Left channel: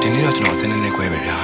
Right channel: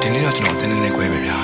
ဒီနေ့တော့ကျွန်တော်အတင်းနဲ့ခွဲပဲဗျာ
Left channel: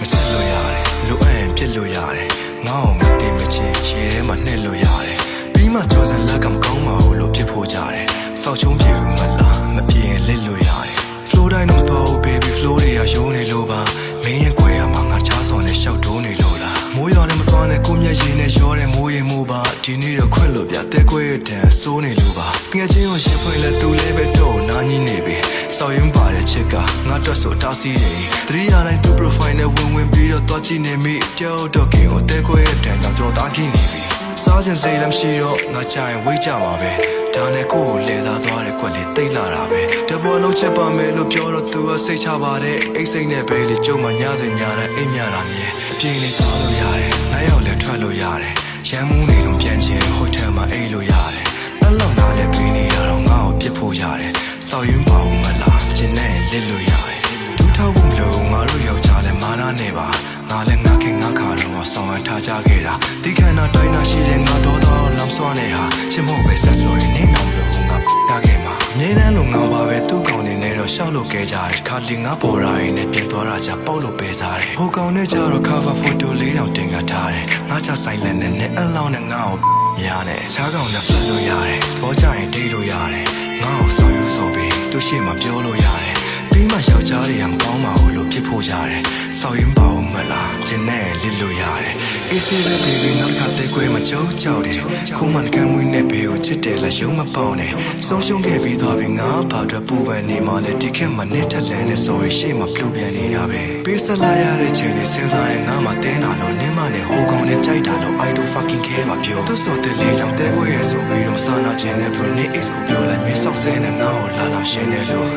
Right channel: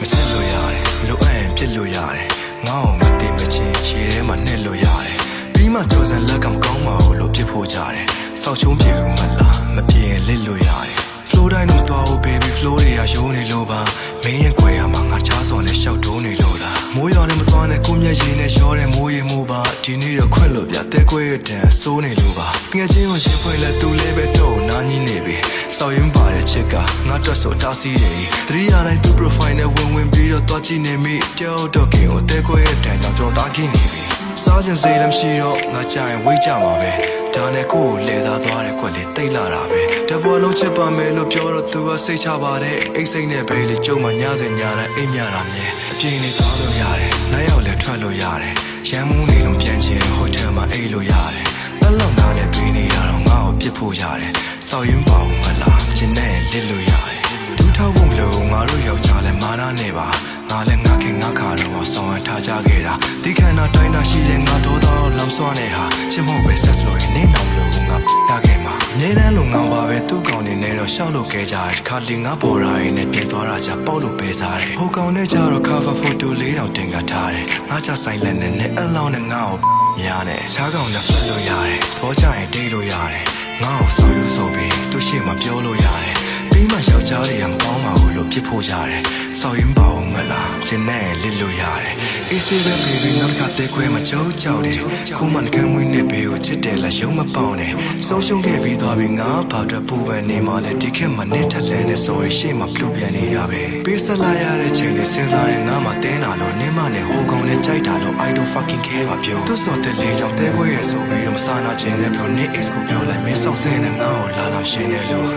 မချစ်လို့ရတယ်လိုအပ်ရင်ပြစ်လို့ရတယ်ငါ့ကိုမသိမချင်းရေထဲမှာနှက်လို့ရတယ်ပြီးမှကြော်စံလက်ကမကောင်းပါဘူးလို့ပြစ်ဖို့ကြတယ်စောက်ချုံးပြေဘူးမလားမပြေရင်လစ်လို့ရတယ်flow တိုင်းတော့မတော်ဘူး baby flow တွေကရိုးနေလို့ပါမင်းရဲ့ကွယ်ရမှာငါချားစော်နဲ့ရှောက်တိုးနေလို့လားမိုးရွာနဲ့မသွားနဲ့ကိုမျက်ရည်နဲ့ရောတဲ့မိုးရေမိုးပါဒီနေ့တော့ခွင့်လို့ပြတဲကွယ်ရဲ့တန်စိုးနေလို့ပါငယ်ချင်းကိုရှင်ဖွင့်လဲသူလဲပဲတော့နားကြီးနေပြီစောက်ရင်ပါတဲ့ချစ်ကငါတွက်ဆိုတားစီးတယ်သတိရတိုင်းသူ profile နဲ့ဝင်ပြီးတော့တွားကြည့်နေမိတောက်တော့ကင်ကိုတဲကွယ်ရဲ့တန်ကြောင့်ကျွန်တော်တားကြည့်နေပြီစားခြင်းစိတ်လည်းမရှိတော့ငါကြရင်ဝိတ်ကြမှာပဲဒါနဲ့ကိုကိုလဲစားသွားတဲ့ကွက်လေးတိတ်လာတာပဲတပေါ်လုံးချစ်ပါမယ်လို့ပြောတော့သူကစိတ်ချပါတယ်အိတ်စိတ်နဲ့ပဲလေကြုံမှညစဉ်ညတိုင်းအိမ်မြတာမြဲအပြင်းလေးသွားလို့ရတယ်နိုင်ရောက်လဲထွက်လို့ရတယ်ရမ်းမှုနေလုံးပြန်ချင်းဟိုတယ်မှာအိတ်လို့ရတယ်အဲ့လောက်နားလဲပေးနေရတော့ငါ့ကိုပြစ်ဖို့ရတယ်စောက်ရင်ပါဦးမလားကျင်းနဲ့လစ်လို့ရတယ်ဒူးထောက်ဖို့မလို့ငါတို့ယောက်ျားလဲမာနာနေပါငါလည်းငါခင်ငါခါတော့ဆောင်းရထားကြခဲ့တာဒီခန္ဓာတိုင်းနာရှိတဲ့ငါတော်တော်လောင်စွာနေဟာချစ်မဟုတ်ပဲဆက်လို့ရင်နေအောင်လို့ငါပြခဲ့မှာအမြဲတမ်းလိုငောင်းပါပဲသူ့ကောင်နေနဲ့တော့ရှောက်လို့ခဲ့ကြတယ်ခါလီငါပေါ်ရာရင်နဲ့ပြင်သွားတာကြပေါက်လို့ပဲစားတယ်ဟိုကောင်နဲ့ကြတော့ cover photo လေးတောင်တင်ကထားတယ်ငါချဆိုင်လက်နဲ့နဲ့အလောင်းနဲ့ငါ့ကိုများတယ်ရှားကောင်နဲ့ flat လို့ရတယ်သဘောကျရင်ဒိတ်လို့ရတယ်ငါ့ကိုဆောက်ယူဆိုပြီးသူ့ရှေ့မှာပြောလို့ရတယ်ပြီးမှယောက်ျားတွေကမကောင်းပါဘူးလို့ပြစ်ဖို့ကြတယ်စောက်ရင်ပါအောင်မလားကျင်းနဲ့လစ်လို့ရတယ်အေးစေးပဲ baby နောက်တစ်ခါတဲခွဲမှာကြောက်ကြောက်တယ်ခုမှနှကမ်းမွေးနဲ့ဘဲကိုချစ်တယ်လားရုံးမပေါနဲ့ဆုံးရှုံးခဲ့ပြီးသွားပြီငါဘာအတွက်ပူပန်နေမှလဲဒီခက်မှာနဲ့ထက်လန်းနဲ့ sorry ရှေ့မှာပြူပြန်နေတာပဲပေးဆက်လာရတဲ့ချိန်နဲ့စဉ်းစားရင်ငါမှတင်းတာလို့နင်းမနဲ့ဟိုကောင်နဲ့ကြိုက်တာလို့ I don't fucking care ပါပြောသူစော်တဲ့လေးကြောင့်တဲခွဲရဲဆိုပြီးတော့မစားနာခြင်းနဲ့ bro နေ ex ကိုပြောလိုက်မင်းဆောက်ဆဲနဲ့ငါ့ကိုလာလာရှင်းတယ်လို့